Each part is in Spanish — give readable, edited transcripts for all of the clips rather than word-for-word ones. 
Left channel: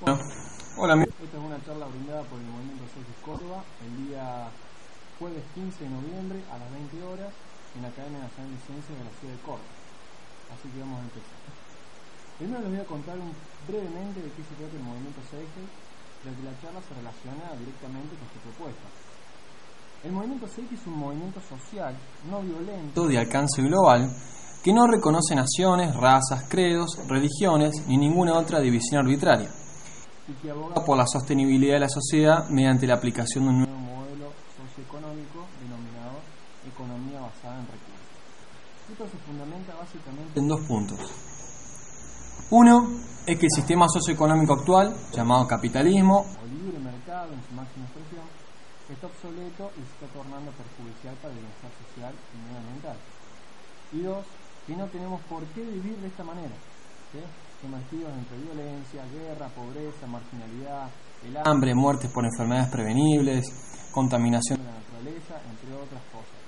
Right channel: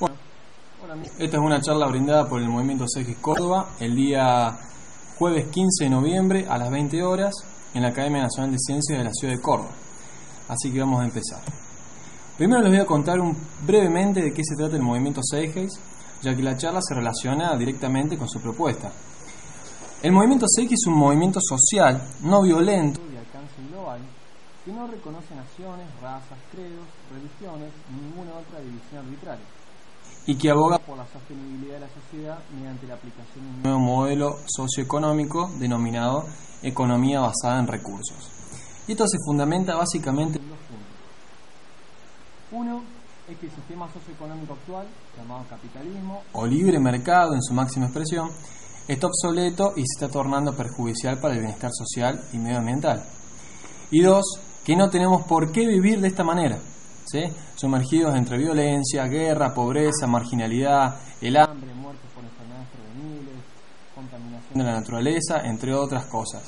Bueno, hola, esta es una charla brindada por el Movimiento CX Córdoba el día jueves 15 de noviembre a las 20 horas en la Academia Nacional de Ciencias de la Ciudad de Córdoba. Así que vamos a empezar. Primero les voy a contar brevemente de qué se trata el Movimiento CX, ya que la charla se relaciona directamente con su propuesta. El Movimiento CX es un movimiento social no violento de alcance global que no reconoce naciones, razas, credos, religiones ni ninguna otra división arbitraria, y que aboga por la sostenibilidad de la sociedad mediante la aplicación de un nuevo modelo socioeconómico denominado economía basada en recursos. Y esto se fundamenta básicamente en dos puntos. Uno es que el sistema socioeconómico actual, llamado capitalismo o libre mercado en su máxima expresión, está obsoleto y se está tornando perjudicial para el bienestar social y medioambiental. Y dos, que no tenemos por qué vivir de esta manera, ¿sí? Sumergidos entre violencia, guerra, pobreza, marginalidad, el hambre, muertes por enfermedades prevenibles, contaminación de la naturaleza, entre otras cosas,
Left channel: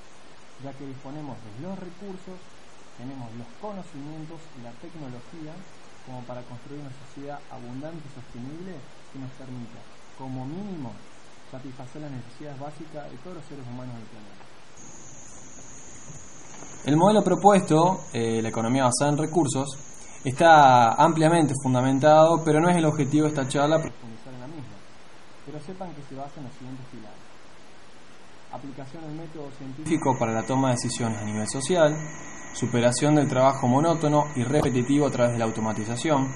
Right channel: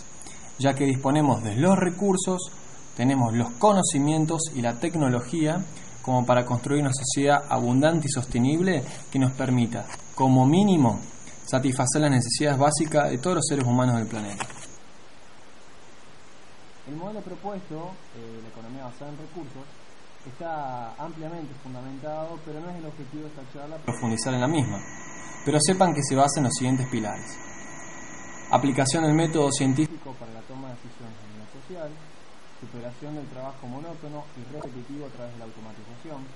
ya que disponemos de los recursos, tenemos los conocimientos y la tecnología como para construir una sociedad abundante y sostenible que nos permita, como mínimo, satisfacer las necesidades básicas de todos los seres humanos del planeta. El modelo propuesto, la economía basada en recursos, está ampliamente fundamentado, pero no es el objetivo de esta charla profundizar en la misma. Pero sepan que se basa en los siguientes pilares: aplicación del método científico para la toma de decisiones a nivel social, superación del trabajo monótono y repetitivo a través de la automatización,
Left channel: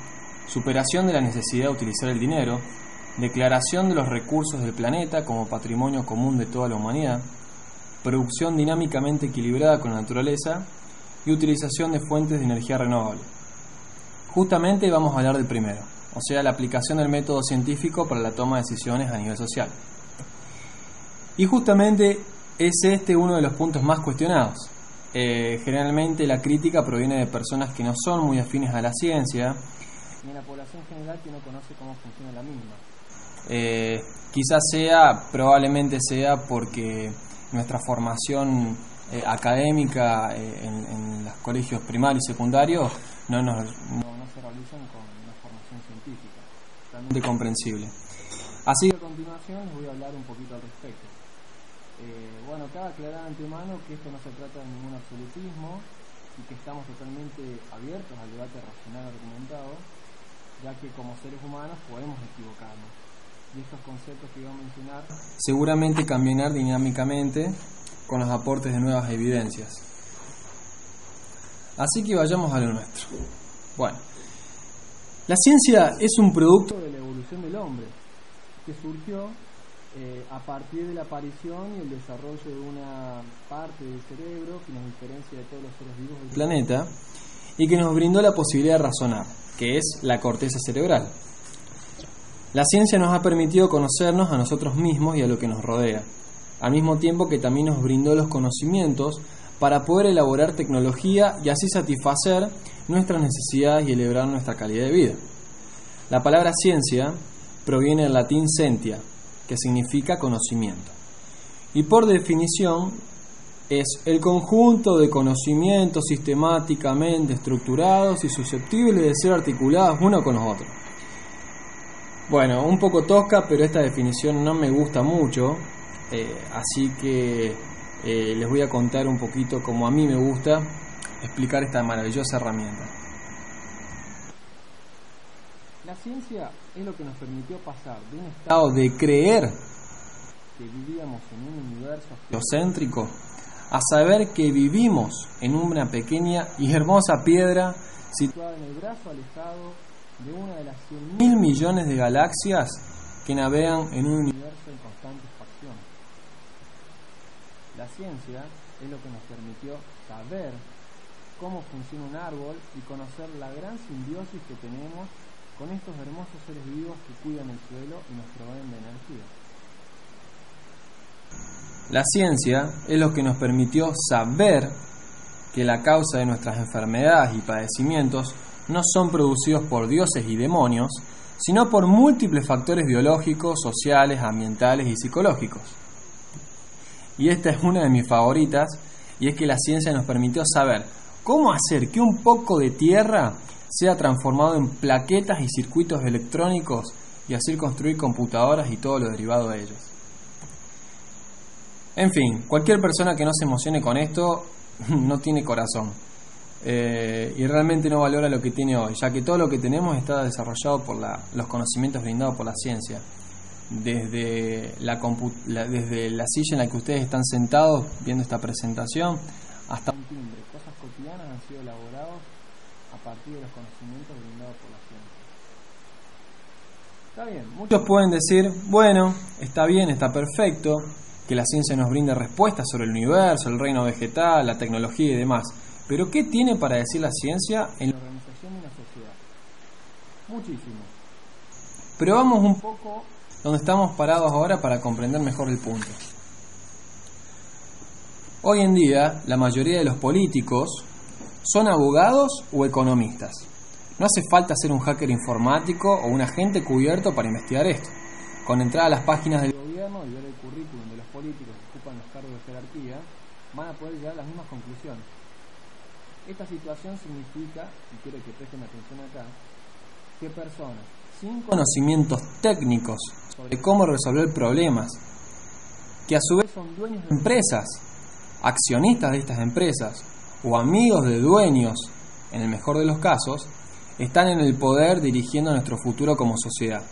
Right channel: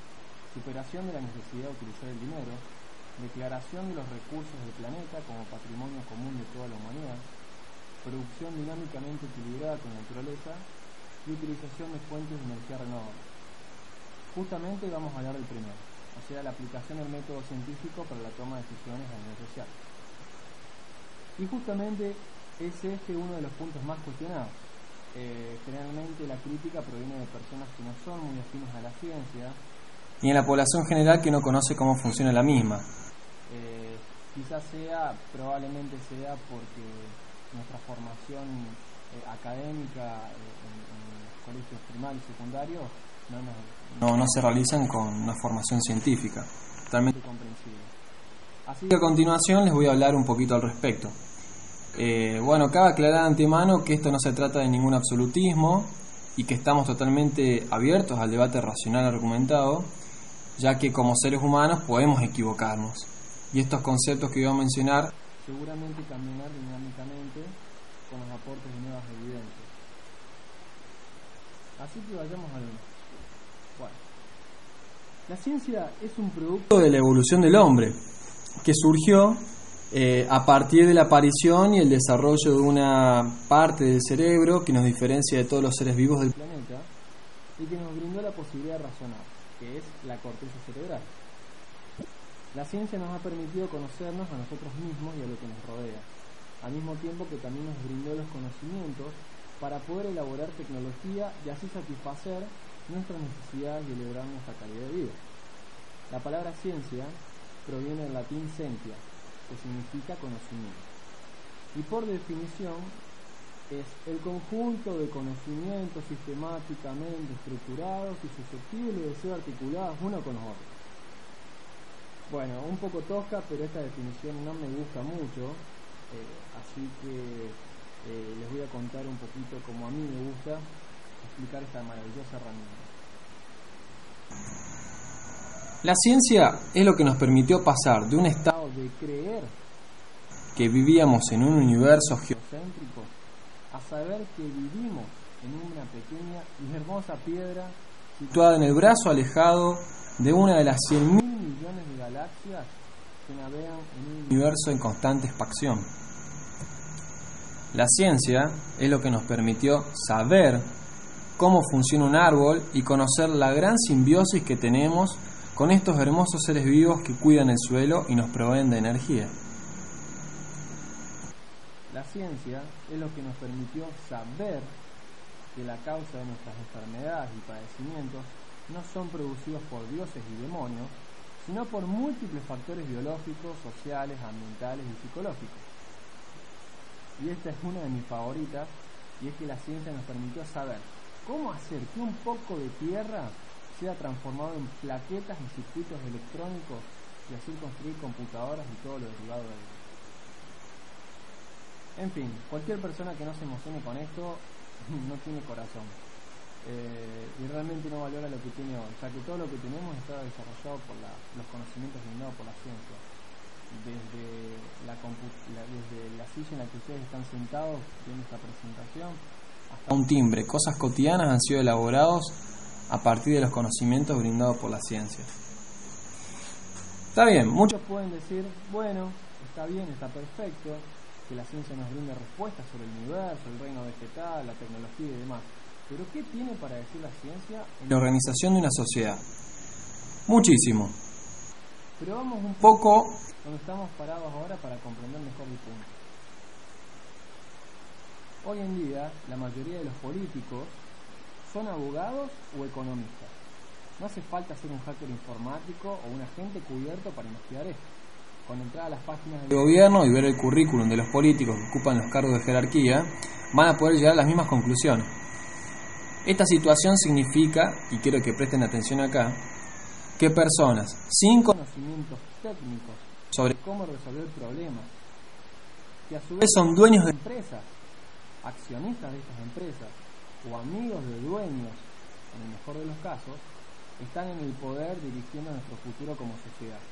superación de la necesidad de utilizar el dinero, declaración de los recursos del planeta como patrimonio común de toda la humanidad, producción dinámicamente equilibrada con la naturaleza y utilización de fuentes de energía renovable. Justamente vamos a hablar del primero, o sea, la aplicación del método científico para la toma de decisiones a nivel social. Y justamente es este uno de los puntos más cuestionados. Generalmente la crítica proviene de personas que no son muy afines a la ciencia y en la población general que no conoce cómo funciona la misma. Probablemente sea porque nuestra formación académica en los colegios primarios y secundarios no se realizan con una formación científica, totalmente comprensible. Así que a continuación les voy a hablar un poquito al respecto. Cabe aclarar de antemano que esto no se trata de ningún absolutismo y que estamos totalmente abiertos al debate racional argumentado, ya que como seres humanos podemos equivocarnos. Y estos conceptos que voy a mencionar seguramente cambiarán dinámicamente con los aportes de nuevas evidencias. Así que vayamos a lo nuestro. Bueno, la ciencia es un producto de la evolución del hombre, que surgió a partir de la aparición y el desarrollo de una parte del cerebro que nos diferencia de todos los seres vivos del planeta y que nos brindó la posibilidad de razonar, que es la corteza cerebral. La ciencia nos ha permitido conocernos a nosotros mismos y a lo que nos rodea, al mismo tiempo que también nos brindó los conocimientos para poder elaborar tecnología y así satisfacer nuestras necesidades y elevar nuestra calidad de vida. La palabra ciencia proviene del latín scientia, que significa conocimiento, y por definición es el conjunto de conocimientos sistemáticamente estructurados y susceptibles de ser articulados uno con los otros. Bueno, un poco tosca, pero esta definición no me gusta mucho, así que les voy a contar un poquito como a mí me gusta explicar esta maravillosa herramienta. La ciencia es lo que nos permitió pasar de un estado de creer que vivíamos en un universo geocéntrico a saber que vivimos en una pequeña y hermosa piedra situada en el brazo alejado de una de las 100.000 millones de galaxias que navegan en un universo en constante expansión. La ciencia es lo que nos permitió saber cómo funciona un árbol y conocer la gran simbiosis que tenemos con estos hermosos seres vivos que cuidan el suelo y nos proveen de energía. La ciencia es lo que nos permitió saber que la causa de nuestras enfermedades y padecimientos no son producidos por dioses y demonios, sino por múltiples factores biológicos, sociales, ambientales y psicológicos. Y esta es una de mis favoritas, y es que la ciencia nos permitió saber cómo hacer que un poco de tierra sea transformado en plaquetas y circuitos electrónicos y así construir computadoras y todo lo derivado de ellas. En fin, cualquier persona que no se emocione con esto no tiene corazón y realmente no valora lo que tiene hoy, ya que todo lo que tenemos está desarrollado por los conocimientos brindados por la ciencia. Desde la silla en la que ustedes están sentados viendo esta presentación hasta un timbre, cosas cotidianas han sido elaborados a partir de los conocimientos brindados por la ciencia. Está bien, muchos pueden decir, bueno, está bien, está perfecto, que la ciencia nos brinde respuestas sobre el universo, el reino vegetal, la tecnología y demás. Pero ¿qué tiene para decir la ciencia en la organización de una sociedad? Muchísimo. Pero vamos un poco donde estamos parados ahora para comprender mejor el punto. Hoy en día, la mayoría de los políticos son abogados o economistas. No hace falta ser un hacker informático o un agente cubierto para investigar esto. Con entrar a las páginas del gobierno y ver el currículum de los políticos que ocupan los cargos de jerarquía, van a poder llegar a las mismas conclusiones. Esta situación significa, y quiero que presten atención acá, que personas sin conocimientos técnicos sobre cómo resolver problemas, que a su vez son dueños de empresas, accionistas de estas empresas o amigos de dueños, en el mejor de los casos, están en el poder dirigiendo nuestro futuro como sociedad.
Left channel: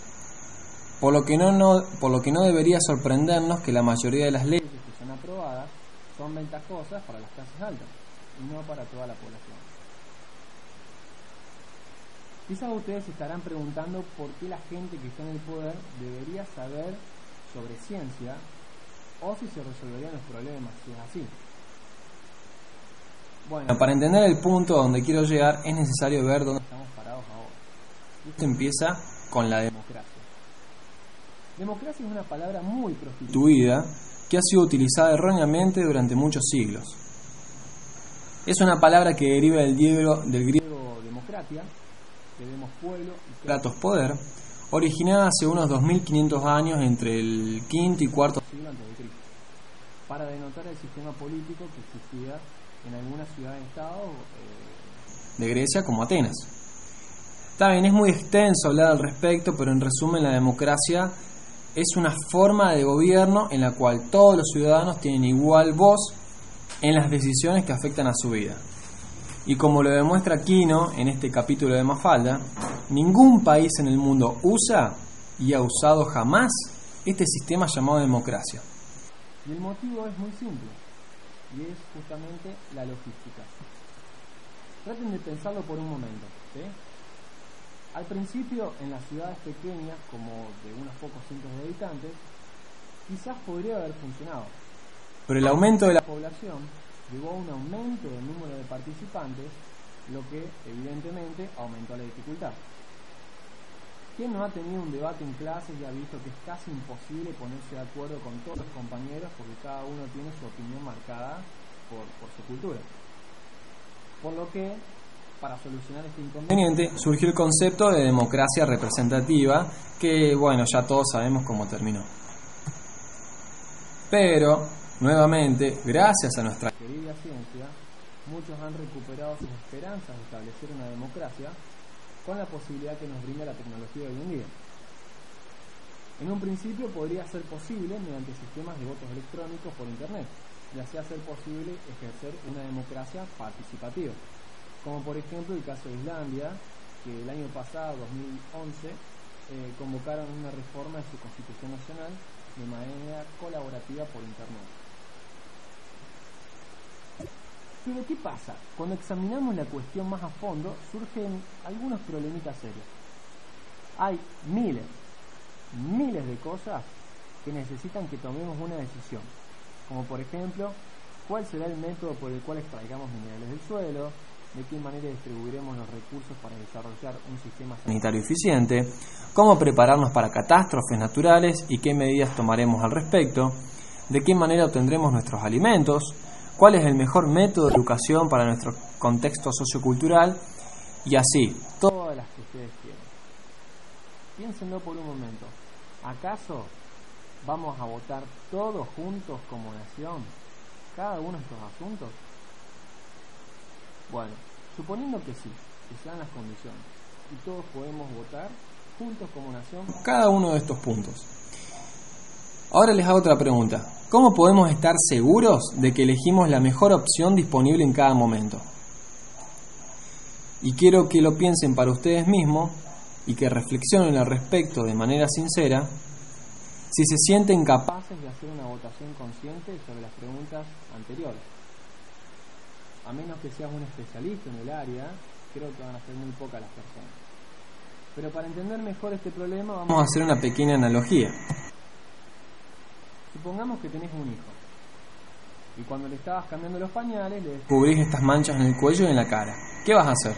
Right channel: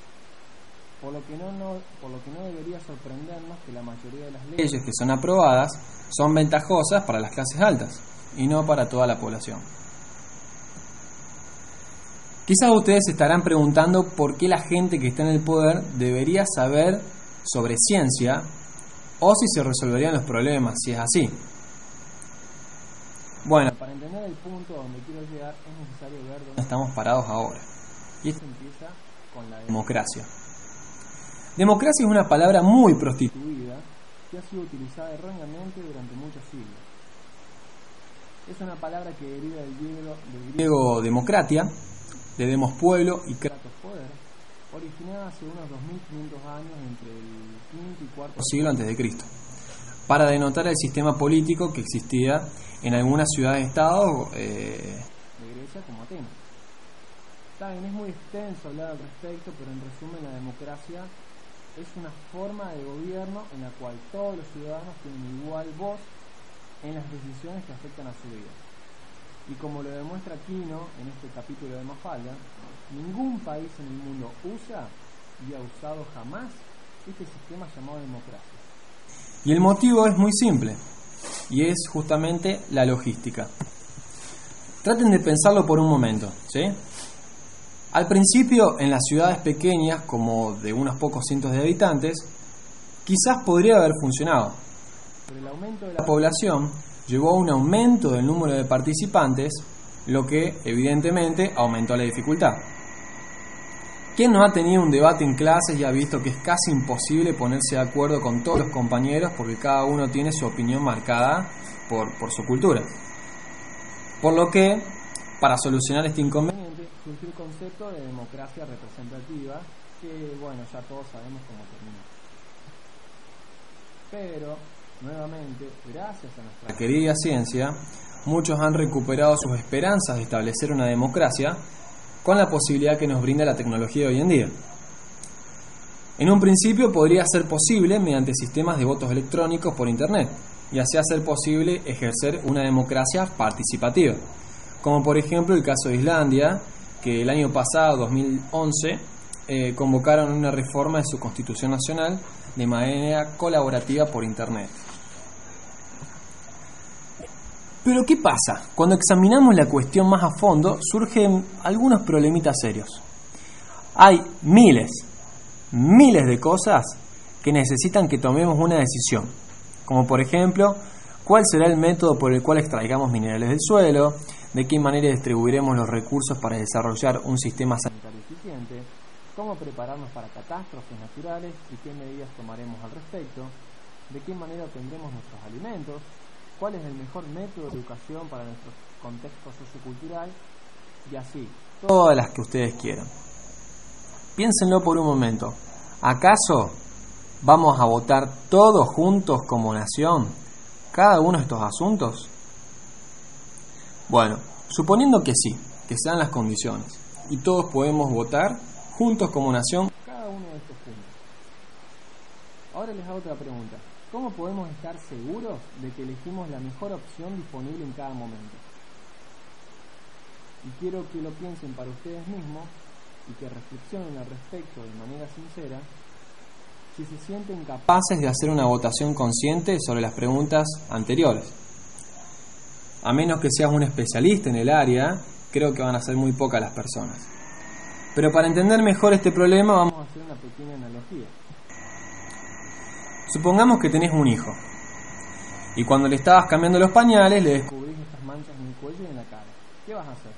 Por lo que no debería sorprendernos que la mayoría de las leyes que son aprobadas son ventajosas para las clases altas y no para toda la población. Quizás ustedes se estarán preguntando por qué la gente que está en el poder debería saber sobre ciencia o si se resolverían los problemas, si es así. Bueno, para entender el punto a donde quiero llegar es necesario ver dónde estamos parados ahora. Y esto empieza con la democracia. Democracia es una palabra muy prostituida que ha sido utilizada erróneamente durante muchos siglos. Es una palabra que deriva del griego democratia, de demos pueblo y kratos poder, originada hace unos 2500 años entre el V y IV siglo a.C., para denotar el sistema político que existía en algunas ciudades-estado de Grecia como Atenas. Está bien, es muy extenso hablar al respecto, pero en resumen la democracia es una forma de gobierno en la cual todos los ciudadanos tienen igual voz en las decisiones que afectan a su vida. Y como lo demuestra Quino en este capítulo de Mafalda, ningún país en el mundo usa y ha usado jamás este sistema llamado democracia. Y el motivo es muy simple, y es justamente la logística. Traten de pensarlo por un momento, ¿sí? Al principio, en las ciudades pequeñas, como de unos pocos cientos de habitantes, quizás podría haber funcionado, pero el aumento de la población llevó a un aumento del número de participantes, lo que evidentemente aumentó la dificultad. ¿Quién no ha tenido un debate en clases y ha visto que es casi imposible ponerse de acuerdo con todos los compañeros porque cada uno tiene su opinión marcada por su cultura? Por lo que, para solucionar este inconveniente, surgió el concepto de democracia representativa, que, bueno, ya todos sabemos cómo terminó. Pero, nuevamente, gracias a nuestra querida ciencia, muchos han recuperado sus esperanzas de establecer una democracia con la posibilidad que nos brinda la tecnología de hoy en día. En un principio podría ser posible mediante sistemas de votos electrónicos por Internet, y así hacer posible ejercer una democracia participativa, como por ejemplo el caso de Islandia, que el año pasado, 2011, convocaron una reforma de su Constitución Nacional de manera colaborativa por Internet. Pero ¿qué pasa? Cuando examinamos la cuestión más a fondo, surgen algunos problemitas serios. Hay miles de cosas que necesitan que tomemos una decisión, como por ejemplo, cuál será el método por el cual extraigamos minerales del suelo, de qué manera distribuiremos los recursos para desarrollar un sistema sanitario eficiente, cómo prepararnos para catástrofes naturales y qué medidas tomaremos al respecto, de qué manera obtendremos nuestros alimentos, cuál es el mejor método de educación para nuestro contexto sociocultural y así, todas las que ustedes quieran. Piénsenlo por un momento. ¿Acaso vamos a votar todos juntos como nación cada uno de estos asuntos? Bueno, suponiendo que sí, que sean las condiciones y todos podemos votar juntos como nación, cada uno de estos puntos. Ahora les hago otra pregunta. ¿Cómo podemos estar seguros de que elegimos la mejor opción disponible en cada momento? Y quiero que lo piensen para ustedes mismos y que reflexionen al respecto de manera sincera si se sienten capaces de hacer una votación consciente sobre las preguntas anteriores. A menos que seas un especialista en el área, creo que van a ser muy pocas las personas. Pero para entender mejor este problema vamos a hacer una pequeña analogía. Supongamos que tenés un hijo y cuando le estabas cambiando los pañales le descubrís estas manchas en el cuello y en la cara. ¿Qué vas a hacer?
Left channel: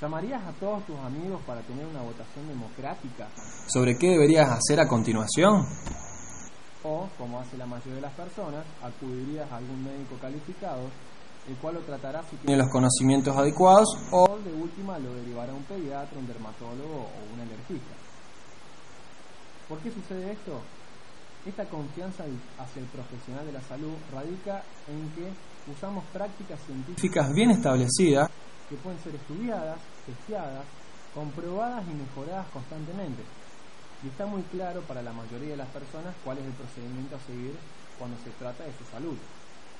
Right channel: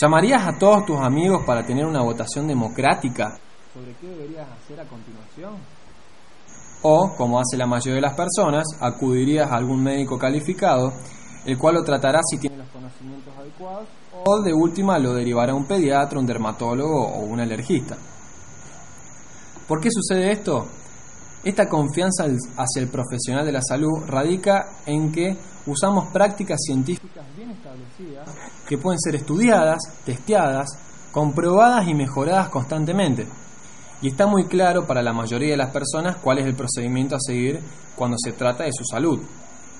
¿Llamarías a todos tus amigos para tener una votación democrática sobre qué deberías hacer a continuación? O, como hace la mayoría de las personas, acudirías a algún médico calificado, el cual lo tratará si tiene los conocimientos adecuados o de última lo derivará a un pediatra, un dermatólogo o un alergista. ¿Por qué sucede esto? Esta confianza hacia el profesional de la salud radica en que usamos prácticas científicas bien establecidas que pueden ser estudiadas, testeadas, comprobadas y mejoradas constantemente. Y está muy claro para la mayoría de las personas cuál es el procedimiento a seguir cuando se trata de su salud.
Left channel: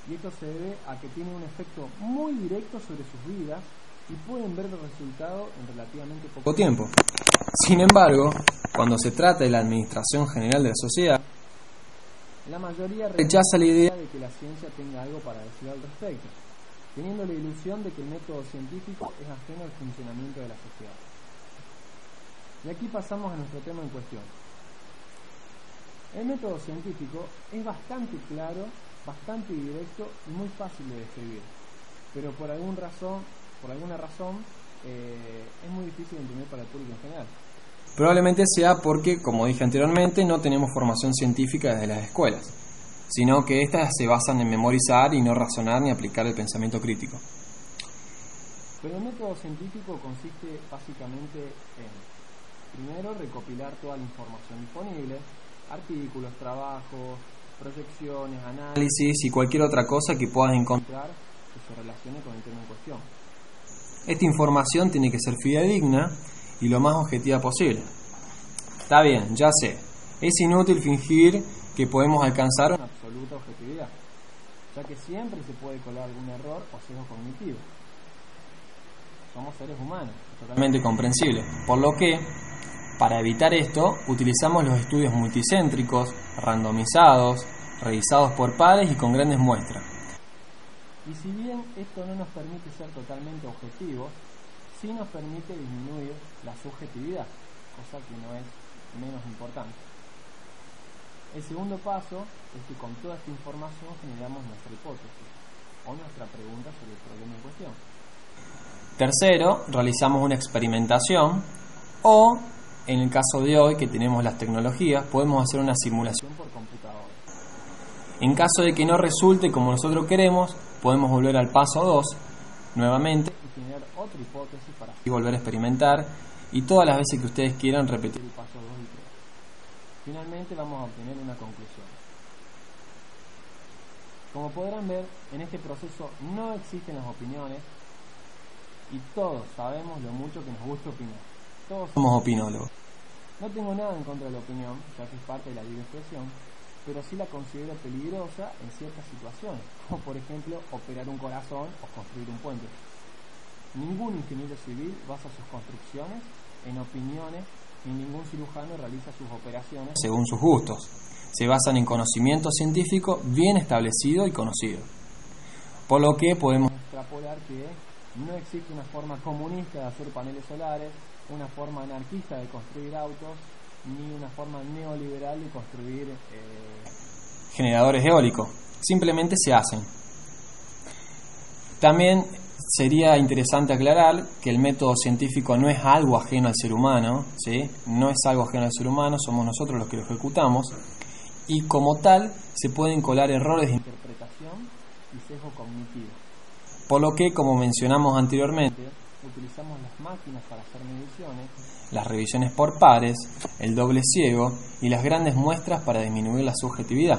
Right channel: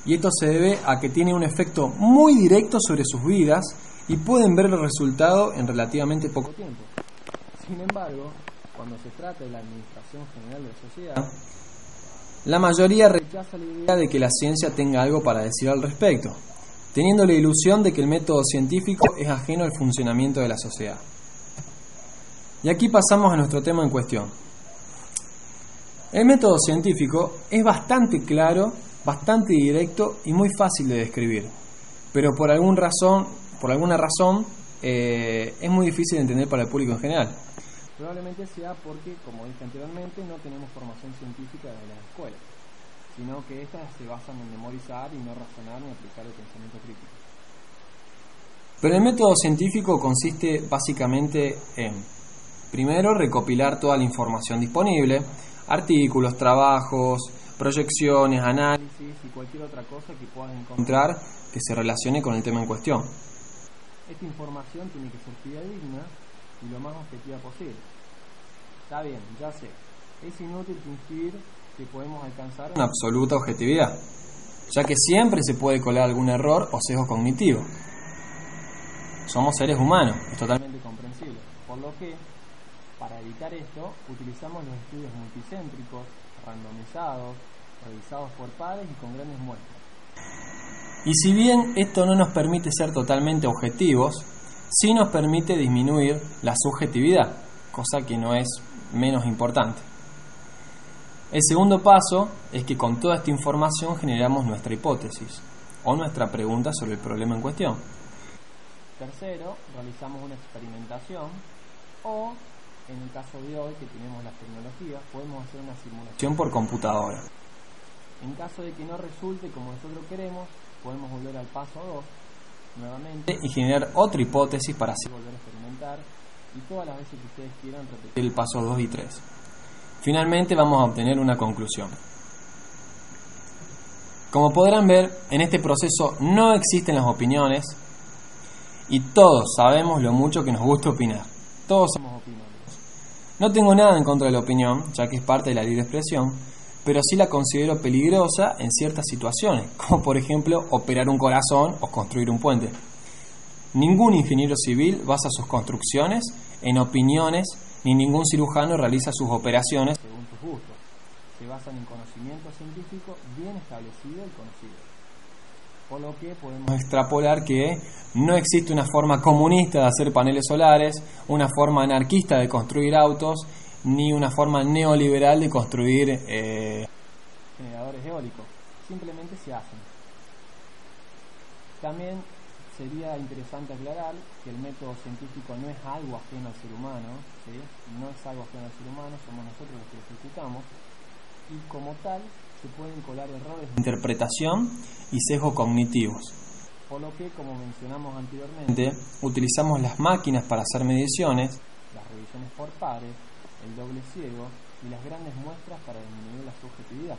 Y esto se debe a que tiene un efecto muy directo sobre sus vidas y pueden ver el resultado en relativamente poco tiempo. Sin embargo, cuando se trata de la administración general de la sociedad, la mayoría rechaza la idea de que la ciencia tenga algo para decir al respecto, teniendo la ilusión de que el método científico es ajeno al funcionamiento de la sociedad. Y aquí pasamos a nuestro tema en cuestión. El método científico es bastante claro, bastante directo y muy fácil de describir, pero por alguna razón es muy difícil de entender para el público en general. Probablemente sea porque, como dije anteriormente, no tenemos formación científica desde las escuelas, sino que éstas se basan en memorizar y no razonar ni aplicar el pensamiento crítico. Pero el método científico consiste básicamente en, primero, recopilar toda la información disponible, artículos, trabajos, proyecciones, análisis y cualquier otra cosa que puedas encontrar que se relacione con el tema en cuestión. Esta información tiene que ser fidedigna y lo más objetiva posible. Está bien, ya sé, es inútil fingir que podemos alcanzar una absoluta objetividad, ya que siempre se puede colar algún error o sesgo cognitivo. Somos seres humanos, es totalmente comprensible, por lo que, para evitar esto, utilizamos los estudios multicéntricos, randomizados, revisados por pares y con grandes muestras. Y si bien esto no nos permite ser totalmente objetivos, sí nos permite disminuir la subjetividad, cosa que no es menos importante. El segundo paso es que con toda esta información generamos nuestra hipótesis o nuestra pregunta sobre el problema en cuestión. Tercero, realizamos una experimentación o, en el caso de hoy que tenemos las tecnologías, podemos hacer una simulación por computadora. En caso de que no resulte como nosotros queremos, podemos volver al paso 2 nuevamente y generar otra hipótesis para así volver a experimentar y todas las veces que ustedes quieran repetir el paso 2 y 3. Finalmente vamos a obtener una conclusión. Como podrán ver, en este proceso no existen las opiniones y todos sabemos lo mucho que nos gusta opinar. Todos somos opinólogos. No tengo nada en contra de la opinión, ya que es parte de la libre expresión, pero sí la considero peligrosa en ciertas situaciones, como por ejemplo operar un corazón o construir un puente. Ningún ingeniero civil basa sus construcciones en opiniones, ni ningún cirujano realiza sus operaciones según sus gustos. Se basan en conocimiento científico bien establecido y conocido. Por lo que podemos extrapolar que no existe una forma comunista de hacer paneles solares, una forma anarquista de construir autos, ni una forma neoliberal de construir generadores eólicos. Simplemente se hacen. También sería interesante aclarar que el método científico no es algo ajeno al ser humano, ¿sí? No es algo ajeno al ser humano, somos nosotros los que lo ejecutamos, y como tal se pueden colar errores de interpretación y sesgos cognitivos. Por lo que, como mencionamos anteriormente, utilizamos las máquinas para hacer mediciones, las revisiones por pares, el doble ciego y las grandes muestras para disminuir la subjetividad.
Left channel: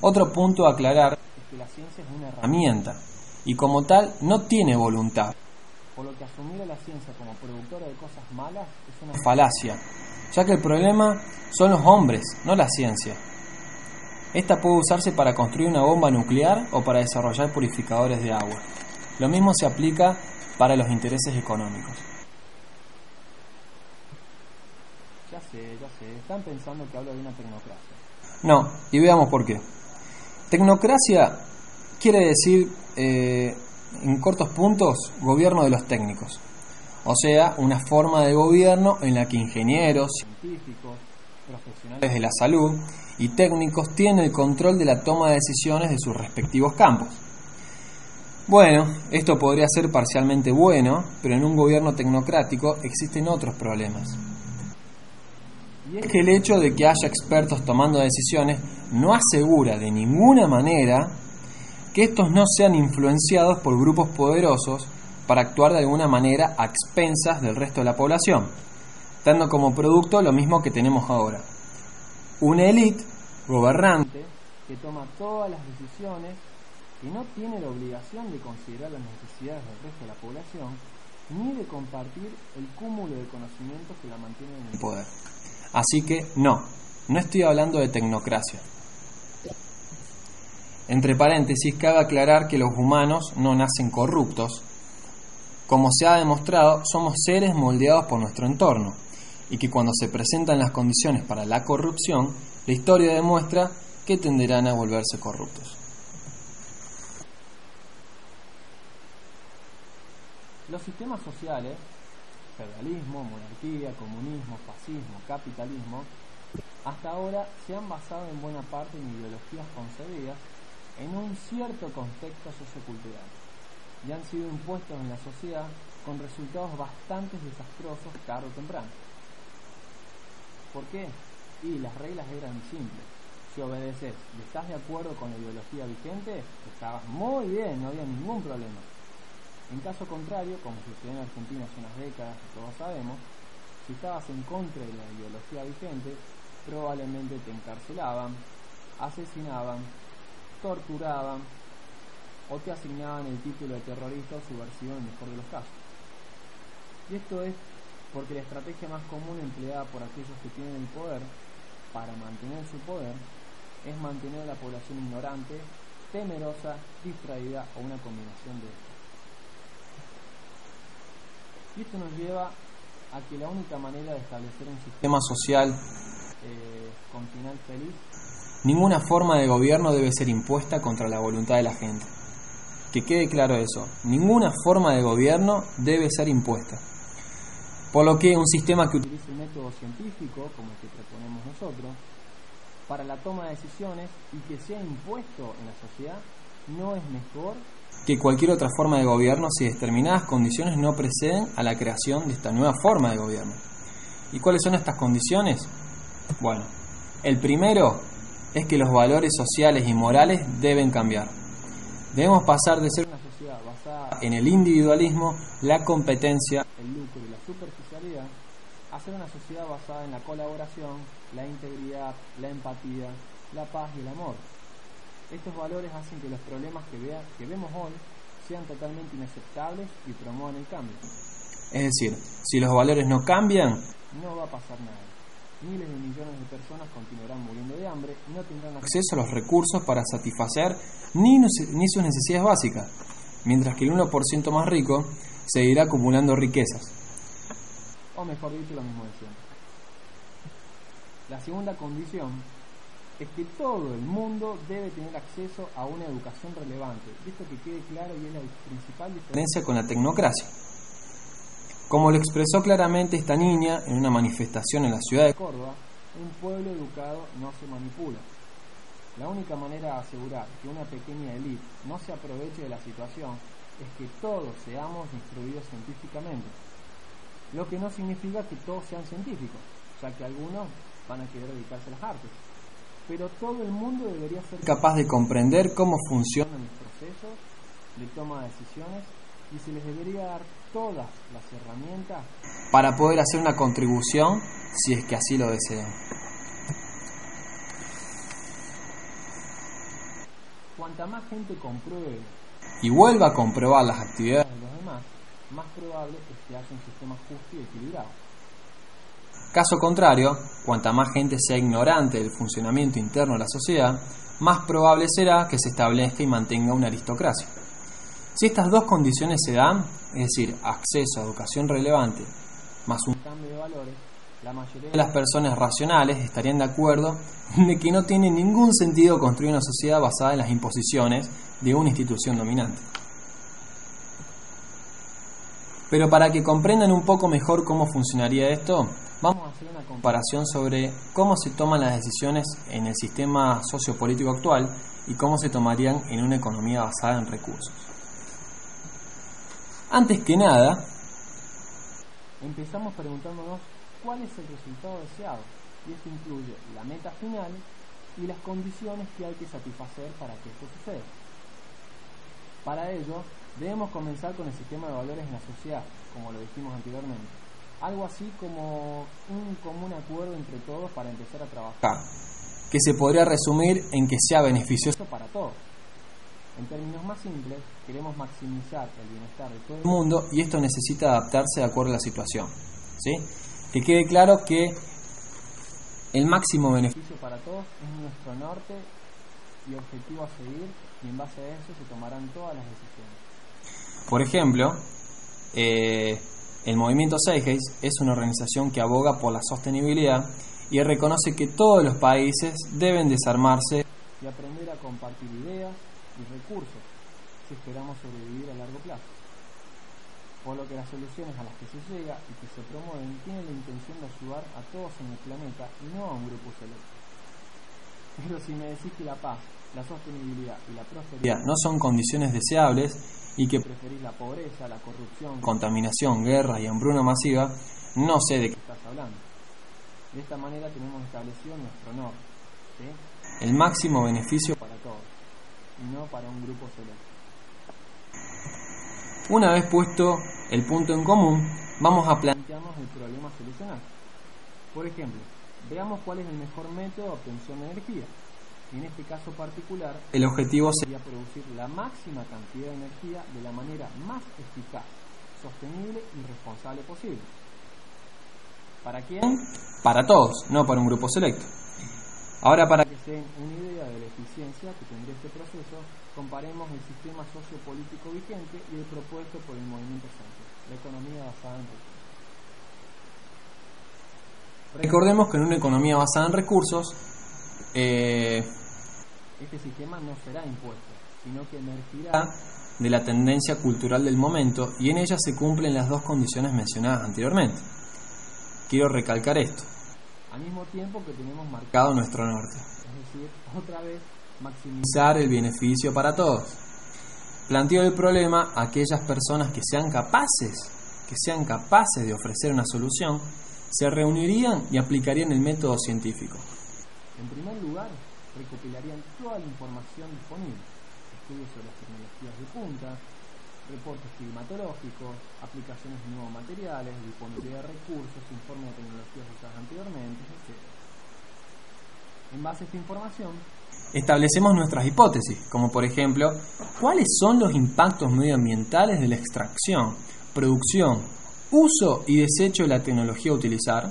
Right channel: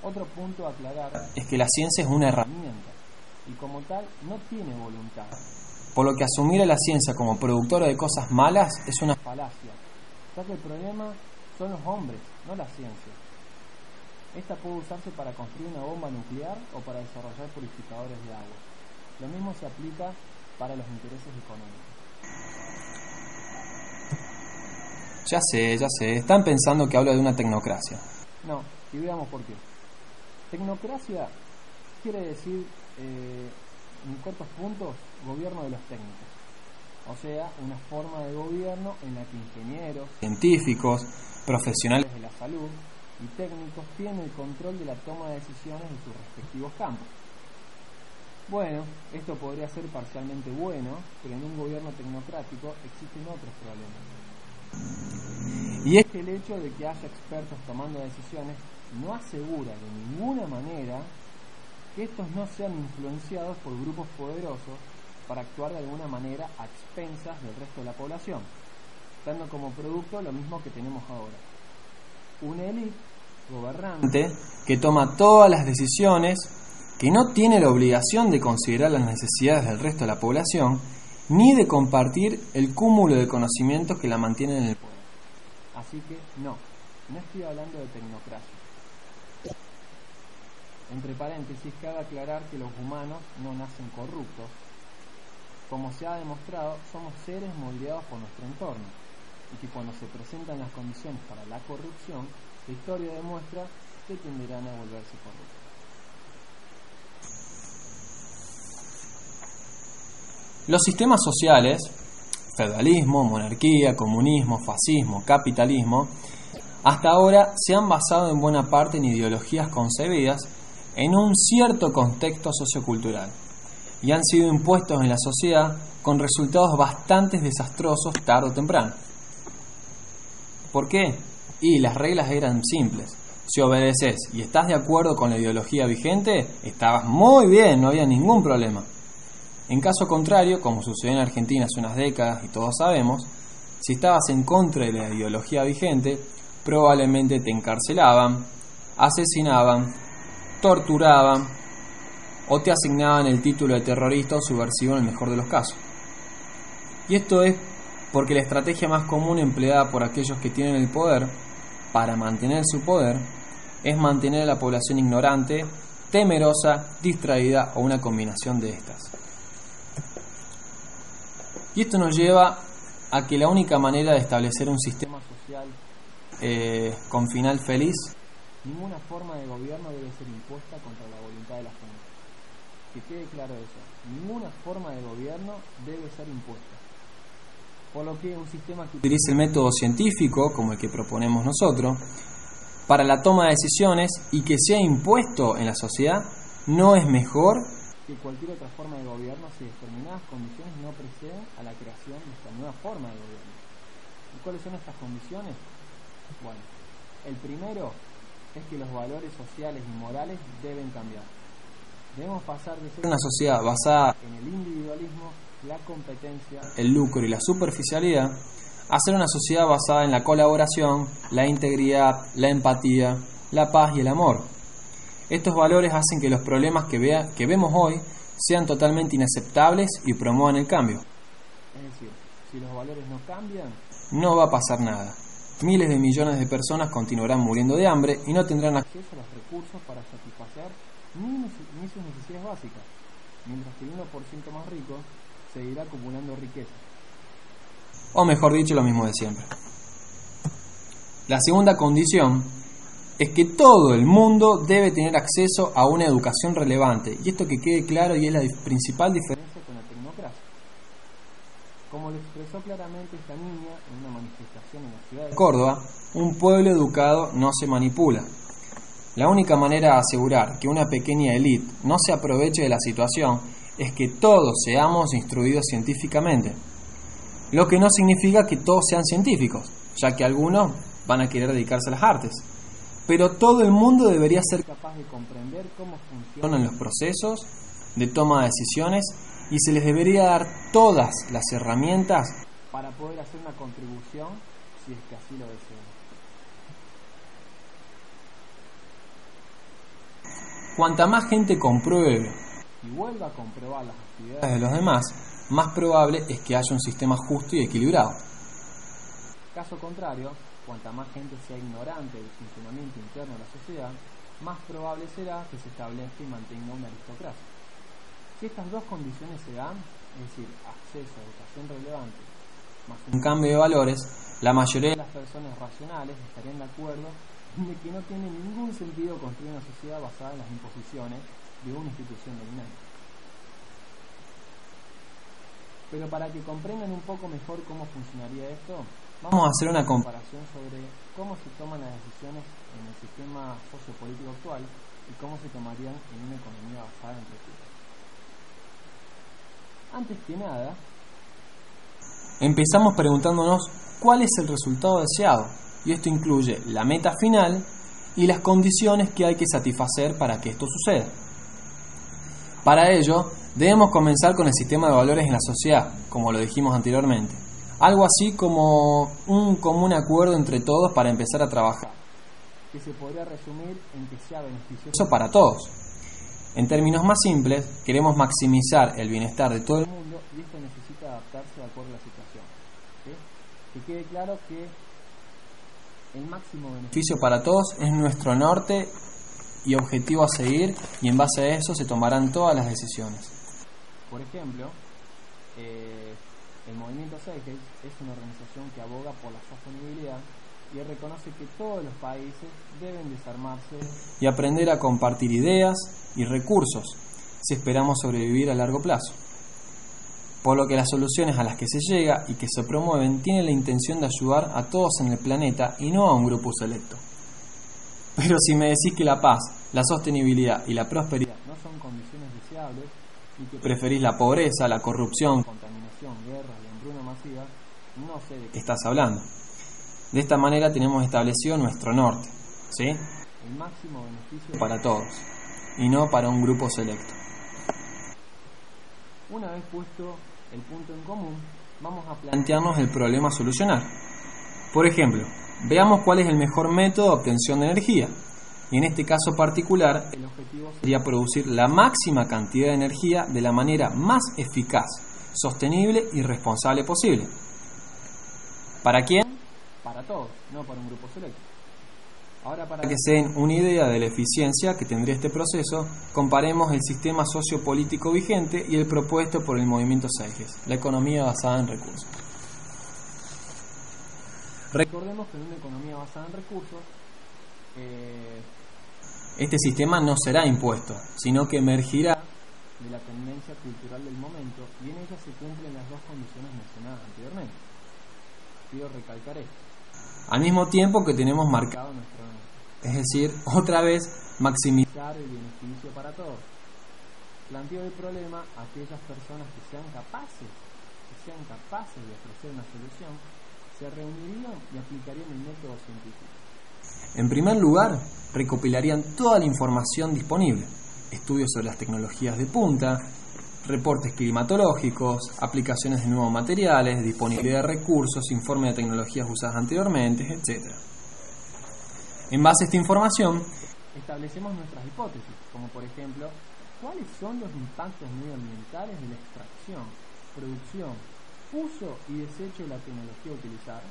Otro punto a aclarar es que la ciencia es una herramienta y como tal no tiene voluntad. por lo que asumir a la ciencia como productora de cosas malas es una falacia, ya que el problema son los hombres, no la ciencia. Esta puede usarse para construir una bomba nuclear o para desarrollar purificadores de agua. Lo mismo se aplica para los intereses económicos. Ya sé, están pensando que hablo de una tecnocracia. No, y veamos por qué. Tecnocracia quiere decir, en cortos puntos, gobierno de los técnicos. O sea, una forma de gobierno en la que ingenieros, científicos, profesionales de la salud y técnicos tienen el control de la toma de decisiones de sus respectivos campos. Bueno, esto podría ser parcialmente bueno, pero en un gobierno tecnocrático existen otros problemas. Y es que el hecho de que haya expertos tomando decisiones no asegura de ninguna manera que estos no sean influenciados por grupos poderosos para actuar de alguna manera a expensas del resto de la población, dando como producto lo mismo que tenemos ahora. Una élite gobernante que toma todas las decisiones, que no tiene la obligación de considerar las necesidades del resto de la población, ni de compartir el cúmulo de conocimientos que la mantienen en el poder. Así que no estoy hablando de tecnocracia. Entre paréntesis, cabe aclarar que los humanos no nacen corruptos. Como se ha demostrado, somos seres moldeados por nuestro entorno, y que cuando se presentan las condiciones para la corrupción, la historia demuestra que tenderán a volverse corruptos. Los sistemas sociales, feudalismo, monarquía, comunismo, fascismo, capitalismo, hasta ahora se han basado en buena parte en ideologías concebidas en un cierto contexto sociocultural y han sido impuestos en la sociedad con resultados bastante desastrosos tarde o temprano. ¿Por qué? Y las reglas eran simples. Si obedeces y estás de acuerdo con la ideología vigente, estabas muy bien, no había ningún problema. En caso contrario, como sucedió en Argentina hace unas décadas y todos sabemos, si estabas en contra de la ideología vigente, probablemente te encarcelaban, asesinaban, torturaban o te asignaban el título de terrorista o subversivo en el mejor de los casos. Y esto es porque la estrategia más común empleada por aquellos que tienen el poder para mantener su poder es mantener a la población ignorante, temerosa, distraída o una combinación de estas. Y esto nos lleva a que la única manera de establecer un sistema social con final feliz, ninguna forma de gobierno debe ser impuesta contra la voluntad de la gente. Que quede claro eso, ninguna forma de gobierno debe ser impuesta. Por lo que un sistema que utilice el método científico, como el que proponemos nosotros, para la toma de decisiones y que sea impuesto en la sociedad, no es mejor que cualquier otra forma de gobierno si determinadas condiciones no preceden a la creación de esta nueva forma de gobierno. ¿Y cuáles son estas condiciones? Bueno, el primero es que los valores sociales y morales deben cambiar. Debemos pasar de ser una sociedad basada en el individualismo, la competencia, el lucro y la superficialidad, a ser una sociedad basada en la colaboración, la integridad, la empatía, la paz y el amor. Estos valores hacen que los problemas que vemos hoy sean totalmente inaceptables y promuevan el cambio. Es decir, si los valores no cambian, no va a pasar nada. Miles de millones de personas continuarán muriendo de hambre y no tendrán acceso a los recursos para satisfacer ni sus necesidades básicas, mientras que el 1% más rico seguirá acumulando riquezas. O mejor dicho, lo mismo de siempre. La segunda condición es que todo el mundo debe tener acceso a una educación relevante, y esto que quede claro y es la principal diferencia con la tecnocracia. Como lo expresó claramente esta niña en una manifestación en la ciudad de Córdoba, un pueblo educado no se manipula. La única manera de asegurar que una pequeña élite no se aproveche de la situación es que todos seamos instruidos científicamente, lo que no significa que todos sean científicos, ya que algunos van a querer dedicarse a las artes. Pero todo el mundo debería ser capaz de comprender cómo funcionan los procesos de toma de decisiones y se les debería dar todas las herramientas para poder hacer una contribución si es que así lo desean. Cuanta más gente compruebe y vuelva a comprobar las actividades de los demás, más probable es que haya un sistema justo y equilibrado. Caso contrario, cuanta más gente sea ignorante del funcionamiento interno de la sociedad, más probable será que se establezca y mantenga una aristocracia. Si estas dos condiciones se dan, es decir, acceso a educación relevante más un cambio de valores, la mayoría de las personas racionales estarían de acuerdo de que no tiene ningún sentido construir una sociedad basada en las imposiciones de una institución dominante. Pero para que comprendan un poco mejor cómo funcionaría esto, vamos a hacer una comparación sobre cómo se toman las decisiones en el sistema sociopolítico actual y cómo se tomarían en una economía basada en recursos. Antes que nada, empezamos preguntándonos cuál es el resultado deseado, y esto incluye la meta final y las condiciones que hay que satisfacer para que esto suceda. Para ello, debemos comenzar con el sistema de valores en la sociedad, como lo dijimos anteriormente. Algo así como un común acuerdo entre todos para empezar a trabajar, que se podría resumir en que sea beneficioso para todos. En términos más simples, queremos maximizar el bienestar de todo el mundo y esto necesita adaptarse de acuerdo a la situación, ¿sí? Que quede claro que el máximo beneficio para todos es nuestro norte y objetivo a seguir, y en base a eso se tomarán todas las decisiones. Por ejemplo, el movimiento Zeitgeist es una organización que aboga por la sostenibilidad y reconoce que todos los países deben desarmarse y aprender a compartir ideas y recursos si esperamos sobrevivir a largo plazo. Por lo que las soluciones a las que se llega y que se promueven tienen la intención de ayudar a todos en el planeta y no a un grupo selecto. Pero si me decís que la paz, la sostenibilidad y la prosperidad no son condiciones deseables y que preferís la pobreza, la corrupción, contaminación, guerra y hambruna masiva, no sé de qué estás hablando. De esta manera tenemos establecido nuestro norte, ¿sí? El máximo beneficio para todos y no para un grupo selecto. Una vez puesto el punto en común, vamos a plantearnos el problema a solucionar. Por ejemplo, veamos cuál es el mejor método de obtención de energía. Y en este caso particular, el objetivo sería producir la máxima cantidad de energía de la manera más eficaz, sostenible y responsable posible. ¿Para quién? Para todos, no para un grupo selecto. Ahora, para que se den una idea de la eficiencia que tendría este proceso, comparemos el sistema sociopolítico vigente y el propuesto por el movimiento Zeitgeist, la economía basada en recursos. Recordemos que en una economía basada en recursos, este sistema no será impuesto, sino que emergirá de la tendencia cultural del momento y en ella se cumplen las dos condiciones mencionadas anteriormente. Quiero recalcar esto. Al mismo tiempo que tenemos marcado nuestro norte, es decir, otra vez maximizar el beneficio para todos. Planteo el problema a aquellas personas que sean capaces de ofrecer una solución, se reunirían y aplicarían el método científico. En primer lugar, recopilarían toda la información disponible, estudios sobre las tecnologías de punta, reportes climatológicos, aplicaciones de nuevos materiales, disponibilidad de recursos, informe de tecnologías usadas anteriormente, etc. En base a esta información, establecemos nuestras hipótesis, como por ejemplo, ¿cuáles son los impactos medioambientales de la extracción, producción, uso y desecho de la tecnología a utilizar?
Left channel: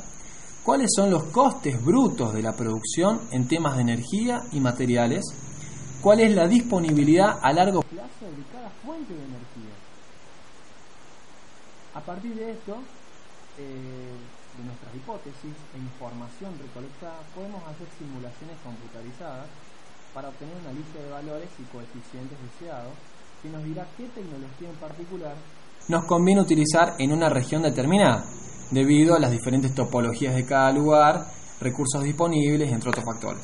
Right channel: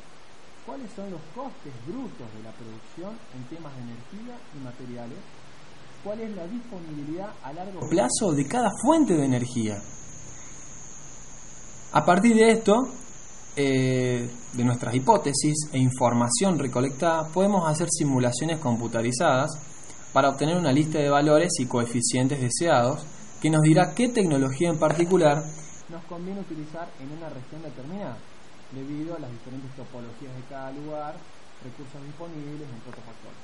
¿Cuáles son los costes brutos de la producción en temas de energía y materiales? ¿Cuál es la disponibilidad a largo plazo de cada fuente de energía? A partir de esto, de nuestras hipótesis e información recolectada, podemos hacer simulaciones computarizadas para obtener una lista de valores y coeficientes deseados que nos dirá qué tecnología en particular nos conviene utilizar en una región determinada, debido a las diferentes topologías de cada lugar, recursos disponibles, entre otros factores.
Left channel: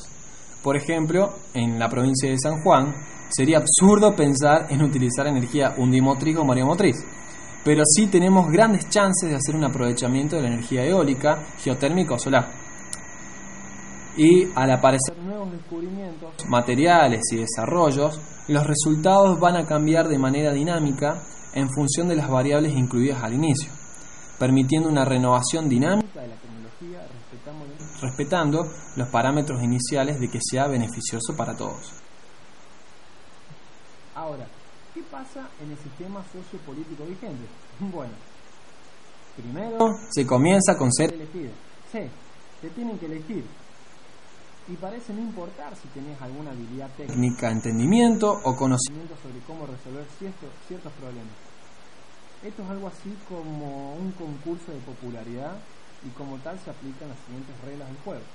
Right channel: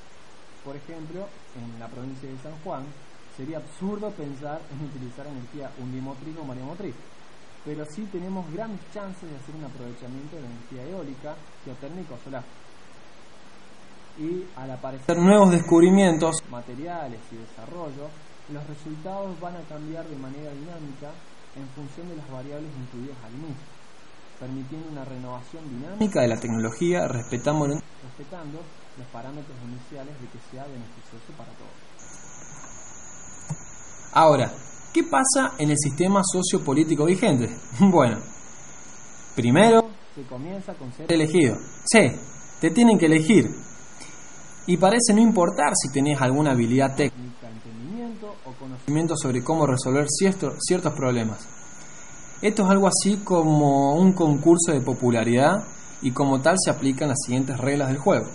Por ejemplo, en la provincia de San Juan, sería absurdo pensar en utilizar energía undimotriz o mareomotriz, pero sí tenemos grandes chances de hacer un aprovechamiento de la energía eólica, geotérmica o solar. Y al aparecer nuevos descubrimientos, materiales y desarrollos, los resultados van a cambiar de manera dinámica en función de las variables incluidas al inicio, permitiendo una renovación dinámica de la tecnología respetando los parámetros iniciales de que sea beneficioso para todos. Ahora, ¿Qué pasa en el sistema sociopolítico vigente? Bueno, primero se comienza con ser elegido. Sí, te tienen que elegir. Y parece no importar si tenés alguna habilidad técnica, entendimiento o conocimiento sobre cómo resolver ciertos problemas. Esto es algo así como un concurso de popularidad y como tal se aplican las siguientes reglas del juego.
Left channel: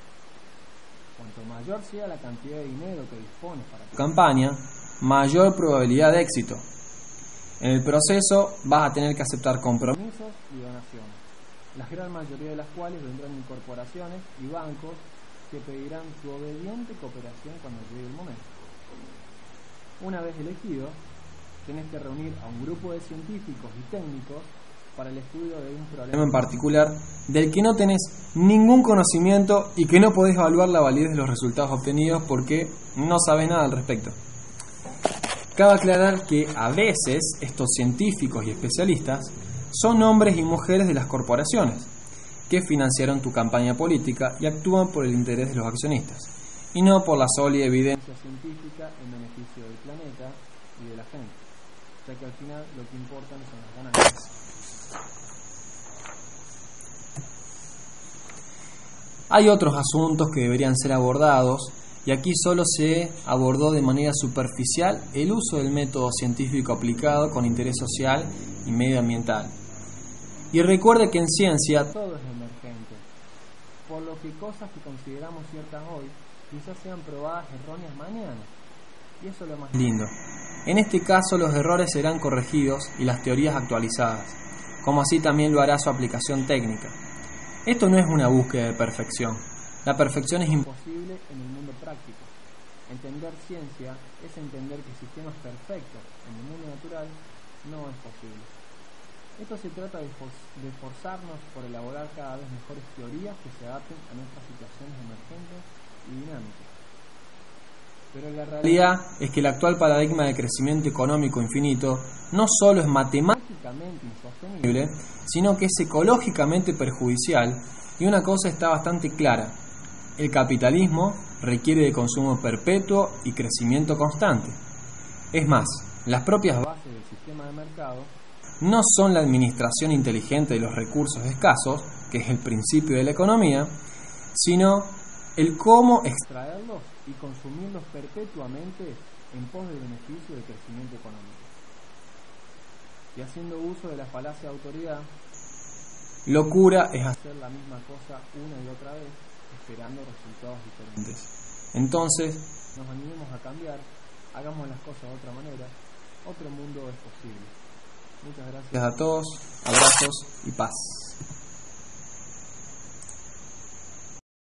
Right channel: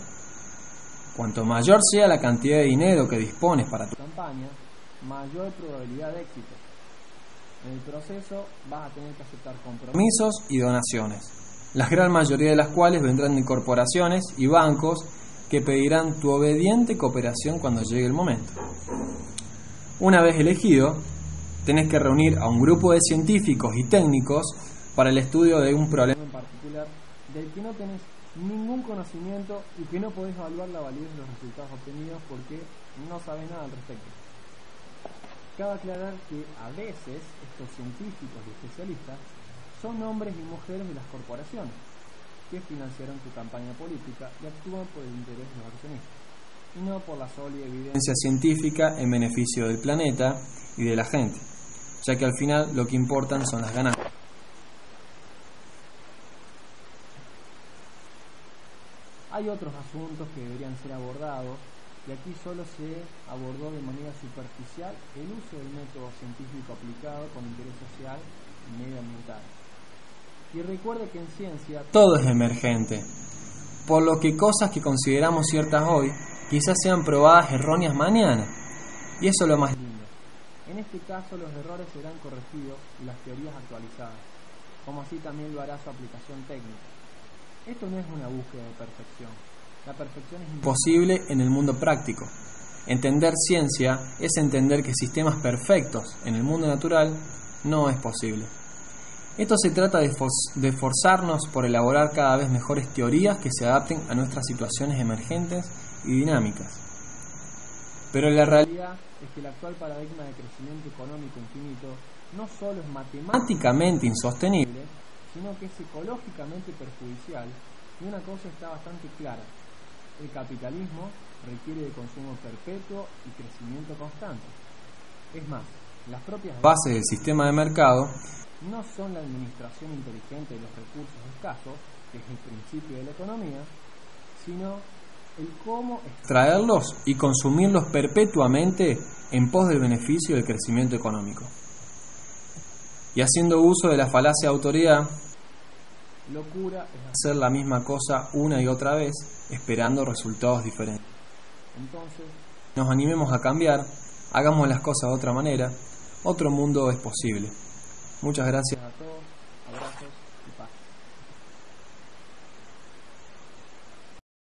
Cuanto mayor sea la cantidad de dinero que dispones para tu campaña, mayor probabilidad de éxito. En el proceso vas a tener que aceptar compromisos y donaciones, la gran mayoría de las cuales vendrán de corporaciones y bancos que pedirán tu obediente cooperación cuando llegue el momento. Una vez elegido, tenés que reunir a un grupo de científicos y técnicos para el estudio de un problema en particular del que no tenés ningún conocimiento y que no podés evaluar la validez de los resultados obtenidos porque no sabes nada al respecto. Cabe aclarar que a veces estos científicos y especialistas son hombres y mujeres de las corporaciones que financiaron tu campaña política y actúan por el interés de los accionistas y no por la sólida evidencia científica en beneficio del planeta y de la gente, ya que al final lo que importan son las ganancias. Hay otros asuntos que deberían ser abordados y aquí solo se abordó de manera superficial el uso del método científico aplicado con interés social y medioambiental. Y recuerde que en ciencia todo es emergente, por lo que cosas que consideramos ciertas hoy quizás sean probadas erróneas mañana. Y eso es lo más lindo. En este caso los errores serán corregidos y las teorías actualizadas, como así también lo hará su aplicación técnica. Esto no es una búsqueda de perfección. La perfección es imposible en el mundo práctico. Entender ciencia es entender que sistemas perfectos en el mundo natural no es posible. Esto se trata de esforzarnos por elaborar cada vez mejores teorías que se adapten a nuestras situaciones emergentes y dinámicas. Pero la realidad es que el actual paradigma de crecimiento económico infinito no solo es matemáticamente insostenible, sino que es ecológicamente perjudicial, y una cosa está bastante clara: el capitalismo requiere de consumo perpetuo y crecimiento constante. Es más, las propias bases del sistema de mercado no son la administración inteligente de los recursos escasos, que es el principio de la economía, sino el cómo extraerlos y consumirlos perpetuamente en pos del beneficio del crecimiento económico. Y haciendo uso de la falacia de autoridad, locura es hacer la misma cosa una y otra vez, esperando resultados diferentes. Entonces, nos animemos a cambiar, hagamos las cosas de otra manera, otro mundo es posible. Muchas gracias a todos, abrazos y paz.